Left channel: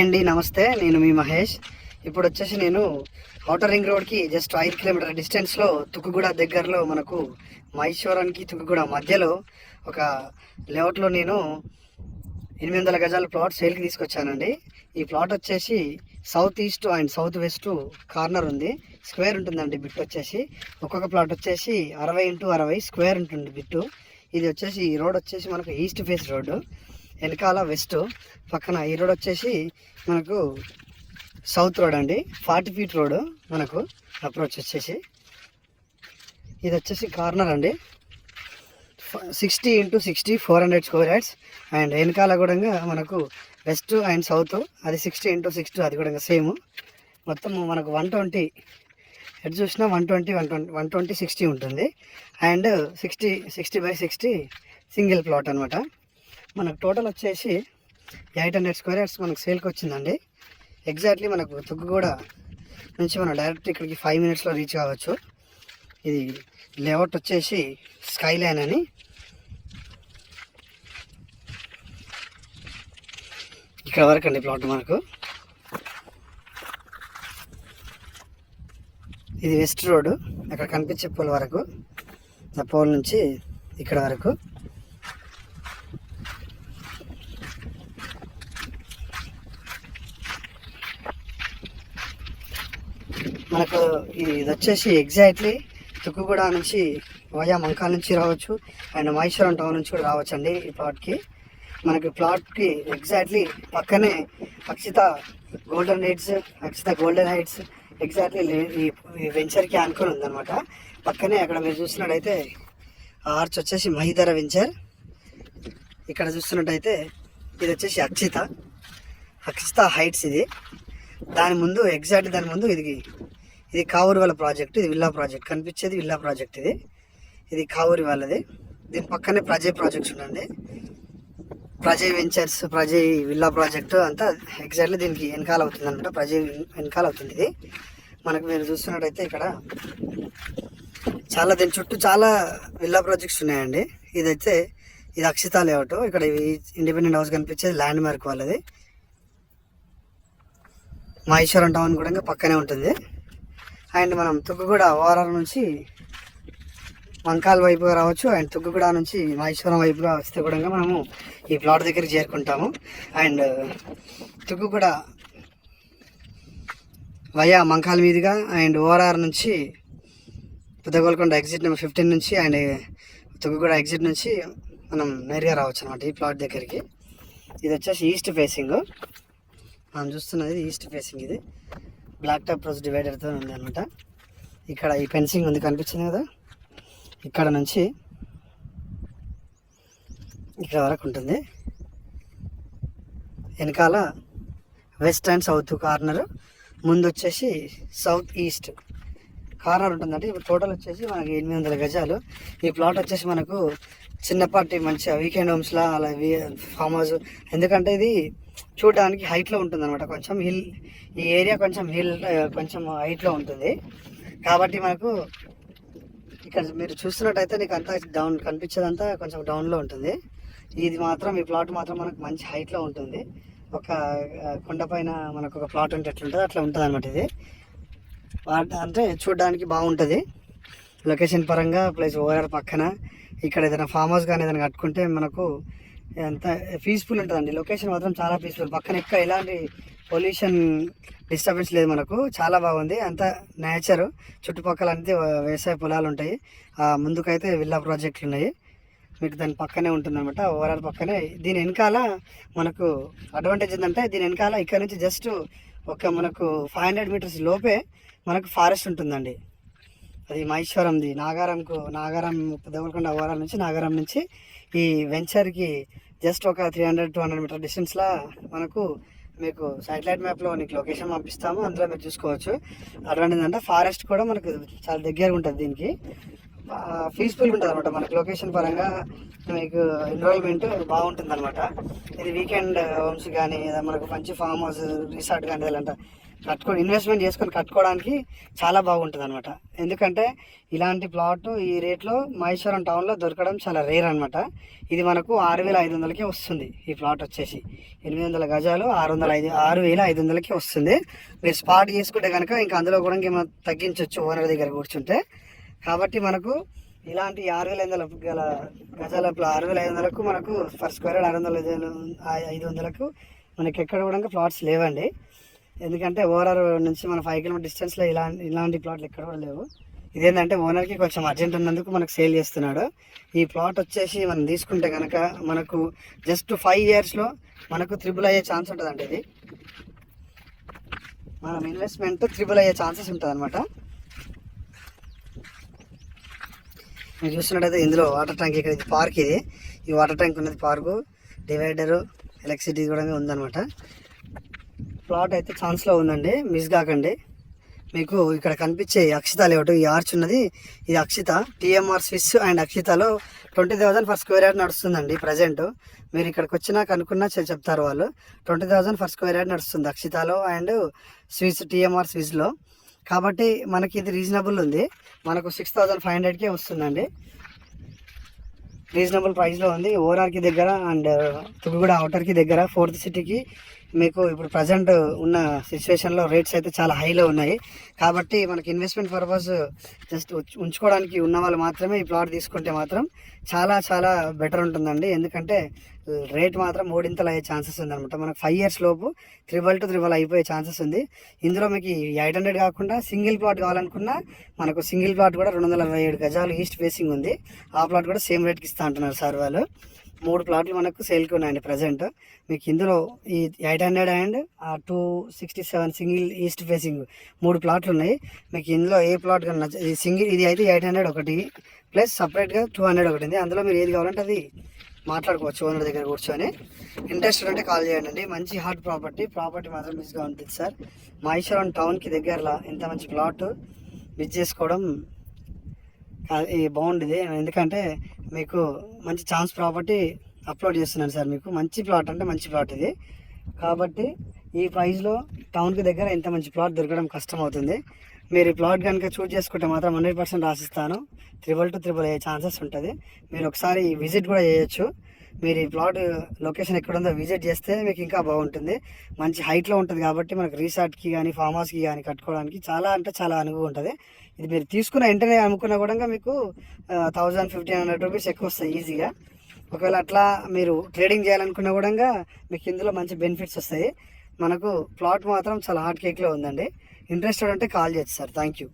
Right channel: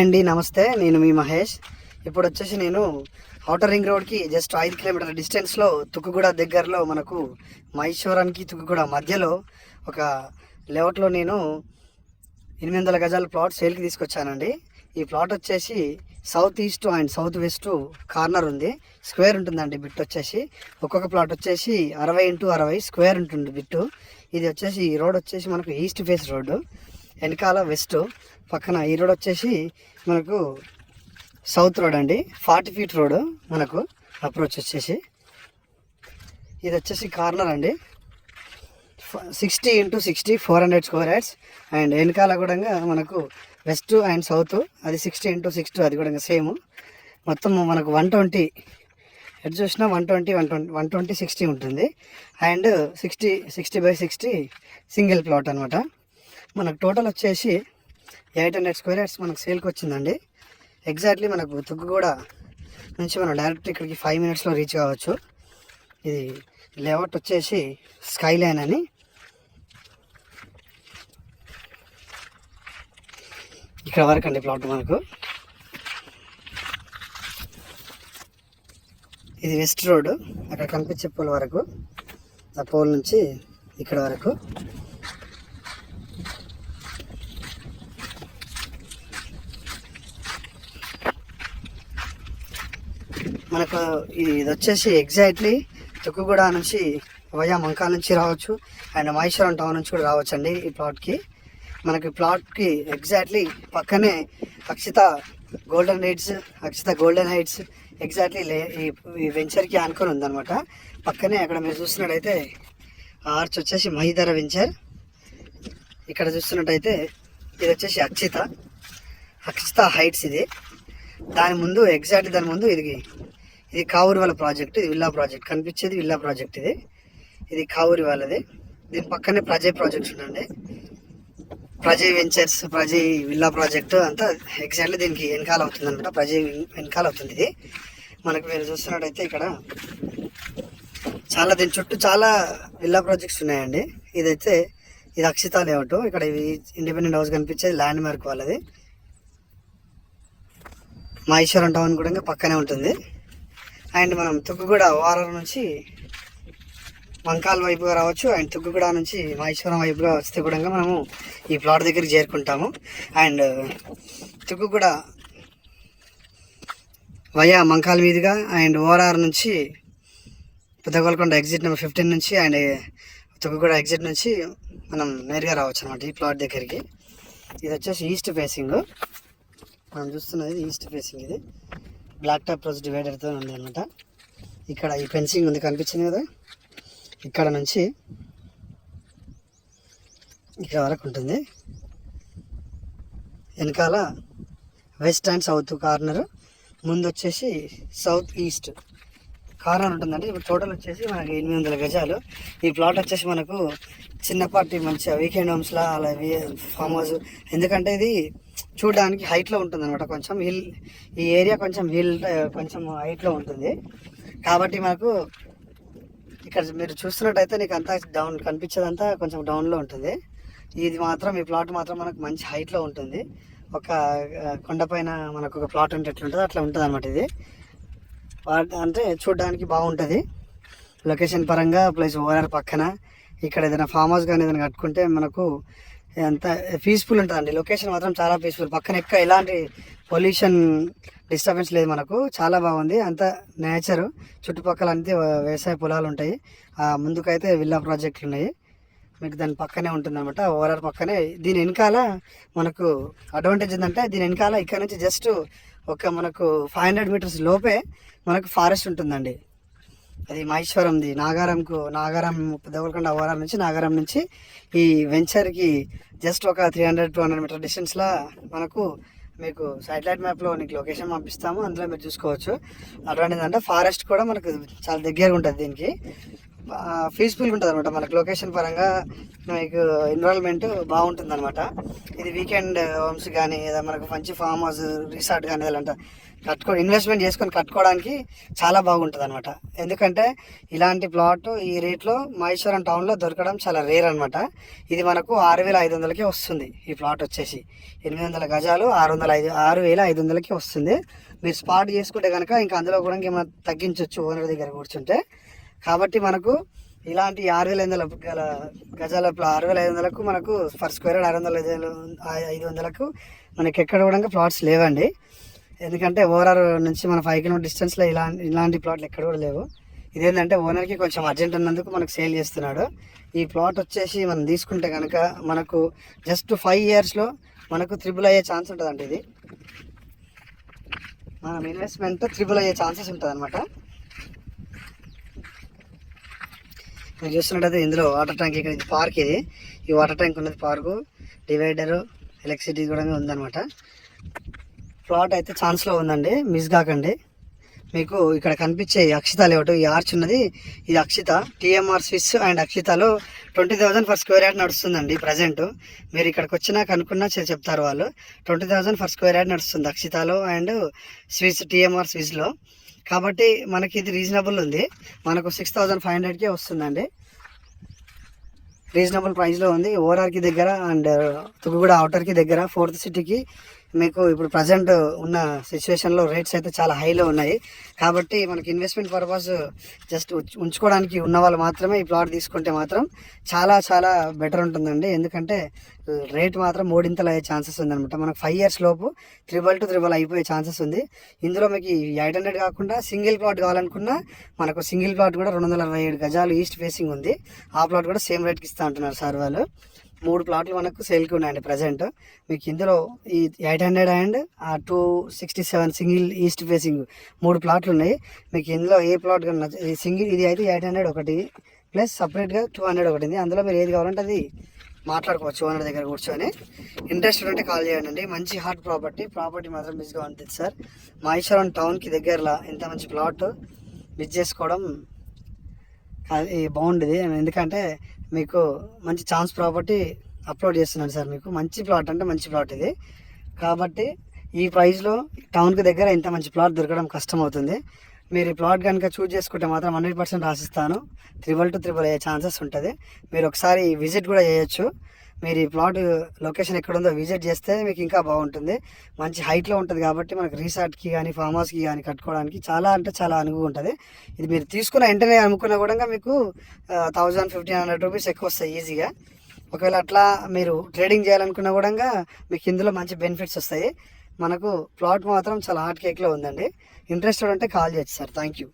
Hi అండి, నమస్తే. నేను మీ మహేష్. ఇప్పుడు వచ్చేసి నేను ఔటర్ రింగ్ రోడ్కి జస్ట్ 5 కిలోమీటర్ డిస్టెన్స్లో తుక్కుగూడ దగ్గరలో మనకు మహేశ్వరానికి తుక్కుగూడ మధ్యలో ఒక లేఅవుట్లో నేను 800 గజాల ప్లాట్ సేల్కి తీసుకొచ్చానండి. ఈ ప్లాట్ వచ్చేసి south east and south west corner ఉంది. స్క్వేర్ ఉంటుందండి బిట్ వచ్చేసి. ఒక్కొక్క ప్లాట్ వచ్చేసి 60x60 స్క్వేర్ ఉంటుంది బిట్టు. ఇది వచ్చేసి ఈ రోడ్ వచ్చేసి మనకు ఈస్ట్ ఫేస్ రోడ్డు, వెనకాల వెస్ట్, పక్కన ఈ రోడ్ వచ్చేసి మనకు సౌత్ రోడ్ అండి. 40 ఫీట్ రోడ్ మనకు అప్రోచ్ వచ్చేసి. ఇది వచ్చేసి కార్నర్ అండి. 60x60 400 square yards. అండ్ వెనకాల కూడా మనకు వెస్ట్ అండ్ సౌత్, అది 60x60, అది కూడా సేమ్. మొత్తం మనకు 120 ఎటు చూసినా 120 60 ఉంటుంది. అండ్ 60x60 సింగిల్ ప్లాట్ అనమాట. మనకు టోటల్ వచ్చేసి 800 స్క్వేర్ యార్డ్స్ మనకు సేల్కి వచ్చిందండి. ఎగ్జాక్ట్లీ మనకు తుక్కుగూడ నుంచి మనం డైరెక్ట్ ఇక్కడికి 5 మినిట్స్లో రీచ్ కావచ్చు. ఇది లేఅవుట్ వచ్చేసి స్కై లైన్ అని. ఇక్కడ వరకు అండి ప్లాట్ మనకు. ఇది వెస్ట్ రోడ్, అక్కడ కనిపించే పోల్ వరకు, ఆ పోల్ నుంచి ఇక్కడ వరకు. మనకు ఇది వచ్చేసి ఎగ్జాక్ట్లీ తుక్కుగూడ నుంచి వయా మంకాల నుంచి రావచ్చు, అండ్ మహేశ్వరం టౌన్ నుంచి కూడా రావచ్చు అండి ఈ ప్లాట్కి. మనకి ప్లాట్కి ఎగ్జాక్ట్లీ పక్కనే అక్షిత గోల్డెన్ హైట్స్ ఎగ్జాక్ట్లీ ఈ వెంచర్కి ఆనుకొని ఉందన్నమాట. పక్కనే అక్కడ మీరు చూస్తున్నట్టయితే ఆర్చ్ వచ్చేసి మహిధర వెంచర్. ఇక్కడ చూస్తున్నట్టయితే ఇది వచ్చేసి అక్షిత హైట్స్. ఇది దాని ముందు ఎగ్జాక్ట్లీ దాని ముందు ఇది కావూరి వాళ్ళ ప్రాజెక్ట్. ఇది విల్లా ప్రాజెక్ట్, కనిపించేది విల్లా ప్రాజెక్ట్. ఇది కావూరి వాళ్ళది. దీని పక్కనే ప్రజయ్ ప్రాజెక్ట్స్ ఉండండి. Prajay ventures, Prajay villa project అంతా ఎగ్జాక్ట్లీ దీనికి వెనకాల అవుతుంది అనమాట. ప్రజయ్ వెనకాల అవుతుంది ఇది. మనకు మీరు చూస్తున్నట్టయితే ఇక్కడ దీని చుట్టూ చాలా విల్లా ప్రాజెక్ట్స్ ఉన్నాయండి. ఇది అక్షిత లేఅవుట్. ఇక్కడ ఇండిపెండెంట్ హౌస్ కనిపించేది ల్యాండ్ మార్క్ వాళ్ళది. మహేశ్వరం టౌన్ కూడా పక్కనే ఉంటుంది. అండ్ మనం తుక్కుగూడ ఓఆర్ఆర్ నుంచి మంకాల వైపుగా రావచ్చు, అండ్ తుక్కుగూడ నుంచి మహేశ్వరం వైపుగా వస్తే కూడా మనము ఈ ప్లాట్ దగ్గరికి చేరుకుంటాము. అండ్ తుక్కుగూడ వయా మంకాల మీదుగా అండ్ ఓఆర్ఆర్ నుంచి పెద్దగోల్కొండ ఎగ్జిట్ నెంబర్ 15 నుంచి అండ్ తుక్కుగూడ ఎగ్జిట్ నుంచి మనం నేరుగా రావచ్చు అనమాట ఈ ప్లాట్ దగ్గరికి. ఇది వచ్చేసి ఈస్ట్ ఫేసింగ్. మనం చూస్తున్నది ఈస్ట్ ఫేసింగ్. ఇది బ్లాక్ టాప్ రోజ్ డివైడర్తో ఉంది అనమాట. ఇక్కడ ఈ ఫెన్సింగ్ ఉంది, కనిపించింది కదా, ఇక్కడ నుంచి ఇక్కడ వరకు ఉంటుంది. వెనకాల వెస్ట్ అండ్ సౌత్ కార్నర్, ముందు వచ్చేసి సౌత్ ఈస్ట్ కార్నర్ ఉంటుందండి. ఇప్పుడు టోటల్ వచ్చేసి మనకి 800 గజాలు. ఈ ప్లాట్ వచ్చేసి మనకు చిన్నపాటి మంచిగా వీకెండ్ హోమ్స్లా అలా ఫామ్ హౌస్. ఎందుకంటే ఇది చూడడానికి హైట్లో ఉంటుంది అనమాట. కొంచెం హిల్, ఈ ఏరియా కొంచెం హైట్లో ఉంటుంది కాబట్టి మనకు ఇక్కడ మీరు చూస్తున్నట్టయితే నీకు అంతా డౌన్ కనిపించేదంతా కొంచెం డౌన్లో ఉంటుంది. ఇది మాత్రం ఈ ప్లాట్ మాత్రం మనకు మంచి హైట్లో ఉంటుంది. ఒక కొండపైన మనకు ఒక ప్లాట్ ఉంటే ఎట్లుంటుందో అట్లా ఉంటుంది అనమాట. ఇది అంటే చూడడానికి బాగుంటుంది లొకేషన్ పరంగా, ప్లస్ ఓఆర్ఆర్ పక్కన. ఇక్కడ ఏదైనా ఫామ్ హౌస్ కానీ ఏదైనా కట్టుకుంటే మనకు ఎంత పీస్ఫుల్ ఉంటుందండి. లొకేషన్ మాత్రం చాలా పీస్ఫుల్. పక్కన ఎలాంటి పొల్యూషన్ డిస్టర్బెన్స్ లేదు మనకు. చాలా బాగుంది. అంత నేచరు, చుట్టుపక్కల అంతే వ్యవసాయ పొలాలు ఉంటాయి. ముందుకైతే విల్లా ప్రాజెక్టులు ఉన్నాయి. మీకు దాని పక్కనే ఉంటుంది అనమాట, ఓఆర్ఆర్ పక్కనే. దీని వెనకాల మనకు అడ్వాంటేజ్ ఏంటంటే దీని వెనకాల ఇక్కడ నుంచి జస్ట్ మనకు 500 మీటర్స్ లోపే మనకు ఫారెస్ట్ ఉంటుందండి. అది మహేశ్వరంది. నాగారం పెద్దగోల్కొండ ఓఆర్ఆర్ నుంచి నాగారం నుంచి ఈ వెంచర్కి జస్ట్ ఒక 300-200 మీటర్ డిస్టెన్స్లో మీకు శాటిలైట్ మ్యాప్లో నీకు లొకేషన్ పంపిస్తాము, అందులో మీరు చూసుకోవచ్చు. అడ్వాంటేజ్ అంటే ఫారెస్ట్ కూడా మనకు చాలా దగ్గరగా ఉంటుంది దీనికి. పీస్ఫుల్గా ఉంటుంది అనమాట. మనకి లొకేషన్ పరంగా మీకు ఎన్విరాన్మెంట్ బాగుంటుంది అనమాట. ఇది వీకెండ్ హోమ్స్ కానీ లేదా మనకు మంచి ఫామ్ హౌస్ రిసార్ట్ కానీ ఇలాంటి ఇన్వెస్ట్మెంట్ చేసుకొని కట్టుకోవడానికి చాలా బాగుంటుంది అనమాట. ఎందుకంటే ఇలాంటి ప్లాట్ ఈ రేట్లో మహేశ్వరం టౌన్లో దొరకడం చాలా రేర్ అనమాట. ఇది మనకు 6,500కే వస్తుంది. ఈ ప్లాట్ వచ్చేసి 800 గజాలు 6,500కి వస్తుంది. మీరు స్పాట్ చేసుకుంటే కనుక ఇంకా అందులో కూడా ఇంకేమైనా తగ్గించవచ్చు ఓనర్ దగ్గర కూర్చుంటే. కాబట్టి మనకు ఇలాంటి 6,500 గల గజాల 6,500కు మనకు ఫర్ స్క్వేర్ యార్డ్ 500కు మనకి ఎక్కడ కూడా ప్లాట్స్ లేవండి. ఎందుకంటే ఓనర్ నుంచి మన 5 కిలోమీటర్ డిస్టెన్స్లో ఇలాంటి ప్లాట్లు ఎక్కడ కూడా లేవు. ఇదేంటంటే ఓనర్కి కొంచెం అర్జెంట్ ఉన్నందుకు మనకు సేల్ చేస్తున్నాడు. ఈ ప్లాట్ వచ్చేసి మనం తీసుకుంటే కనుక మనకు జస్ట్ 5 ఇయర్స్లో మనకు త్రిబుల్ అయ్యే ఛాన్స్ ఉంటుందండి. ఇది మనం ఇన్వెస్ట్మెంట్ త్రిబుల్ అయ్యే ఛాన్సెస్ ఉంటుంది అనమాట. మీరు చూస్తున్నట్టయితే ఇందులో వాటర్ ట్యాంక్ ఇక్కడ ఇది పార్క్. ఇది ఈ వాటర్ ట్యాంక్ ఉన్నది పార్కు, డివైడరు, ఎలక్ట్రిసిటీ కూడా ఉందన్నమాట. ప్లాట్ అయితే ఛాన్స్లో ఉందండి, మిస్ కాకండి. మీకు ఇక్కడ కనిపించే అక్షిత లేఅవుట్ ఈ ఆర్చ్ ఉన్నది, ఇది అక్షిత టీఎంఆర్ స్విస్ అండ్ అక్షితలో 20,000 ఫర్ స్క్వేర్ యార్డ్ నడుస్తుందండి ప్రజెంట్. మీరు ఇక్కడికి వచ్చినా కనుక్కున్నా చెప్తారు వాళ్ళు. 20,000 ఫర్ స్క్వేర్ యార్డ్ నడుస్తుంది అక్షితలో అండ్ స్విస్ టీఎంఆర్ స్విస్లో. కాబట్టి మనకి ఇది రీజనబుల్ ఉంది. మనకు 6,500కే వస్తుందండి. రీజనబుల్ ప్రైస్లో ఉంది. ఓఆర్ఆర్కి దగ్గర అండ్ తుగుగూడ అవుటర్కి దగ్గర 4th సిటీకి మీకు ఇప్పుడు ప్రజెంట్ ఉన్న సిచ్యువేషన్లో రేట్స్ అయితే చాలా హైలో ఉన్నాయి. కాబట్టి మనకి ఇన్వెస్ట్మెంట్ పర్పస్ జస్ట్ ఉంచుకోవడానికి ఉన్న వాళ్ళు మాత్రమే ఈ ప్లాట్ తీసుకుంటే మాత్రం చాలా చాలా బెటర్ ఉంటుందండి. ఎందుకంటే రేట్ మాత్రం 3 అయ్యే ఛాన్సెస్ ఉందన్నమాట. మనకు 5 ఇయర్స్ లోపు 3 అయిపోయే ఛాన్సెస్ ఉంది. ఇందులో మీకు 800 కాకుండా సింగిల్ ప్లాట్ కావాలనుకున్నా మనకు సింగిల్ ప్లాట్ కూడా 267 గజాలు ఈస్ట్ ఫేసింగ్ ఉంది. ఆ ప్లాట్ కూడా సేమ్ రేట్కి ఇస్తా అంటున్నారు సార్ వాళ్ళు. 3 ప్లాట్లు మనకు సేల్కి ఉన్నాయండి ప్రజెంట్. మీకు ఇందులో ఈ 800 అండ్ 267 సింగిల్ ఈస్ట్ ఫేసింగ్ 3 ప్లాట్లు ఉన్నాయి. మీకు ఇందులో ఏ ప్లాట్ కన్నా సింగిల్ ఇది అయితే 800 ఒకటి ప్లస్ సపరేట్గా 200 ఒకటి ఉంది. అందులో మీరు ఏది కావాలంటే అది మాట్లాడుకోవచ్చు ఓనర్ దగ్గర కూర్చొని. ఇంట్రెస్ట్ ఉంటే కాల్ చేయండి. మంచి హాట్ ప్రాపర్టీ మాత్రం మిస్గా ఉంటుంది సార్. మహేశ్వరం టౌన్కి దగ్గరలో ఇంత మంచి ప్లాట్ మిస్ చేసుకోవడం బాగుండేది. ఎందుకంటే మీకు మంచి ఛాన్స్ ప్రాపర్టీ అప్లోడ్ చేస్తున్నాను సార్. మీకు మంచి ప్లాట్ అంటే మంచి ప్లాట్ ఇది. కాబట్టి ఈ ప్రైస్లో టౌన్కి దగ్గర ఇంత మంచి ప్లాట్ దొరకడం కష్టం అవుతుంది. మీరు ఈ ప్లాట్ కనుక చూస్ చేసుకుంటే మాత్రం 100% రాసిస్తాను. 3,200 అయ్యే ఛాన్సెస్ ఉంటుంది. మీరు ఒకసారి విజిట్ కూడా చేయొచ్చు. మీరు ఈ ప్లాట్ లొకేషన్ ఎక్కడ ఉందో విజిట్ చేస్తే మీకు ఇంకా బాగుంటుంది. మంచి హైట్లో ఉంటుంది కాబట్టి మనకు రిసార్ట్కి కానీ ఫామ్ హౌస్కి కానీ కట్టుకోవడానికి చాలా అంటే చాలా అనువుగా ఉంటుంది. ఇది మీరు తీసుకున్న వెంటనే అమ్ముకున్నా కూడా మీకు 1,000-1,500 రూపీస్ ఎక్కువ వస్తాయి ఈజీగా. ఒకవేళ అట్లా మీరు ట్రేడింగ్ చేయాలనుకున్నా కూడా మీకు ఇందులో మంచి బెనిఫిట్స్ వస్తాయి. మనకు ప్లాట్ మాత్రం చాలా హాట్ కేక్లో ఉందండి. ఇంట్రెస్టెడ్ ఉంటే కాల్ చేయొచ్చు సార్. Thank you.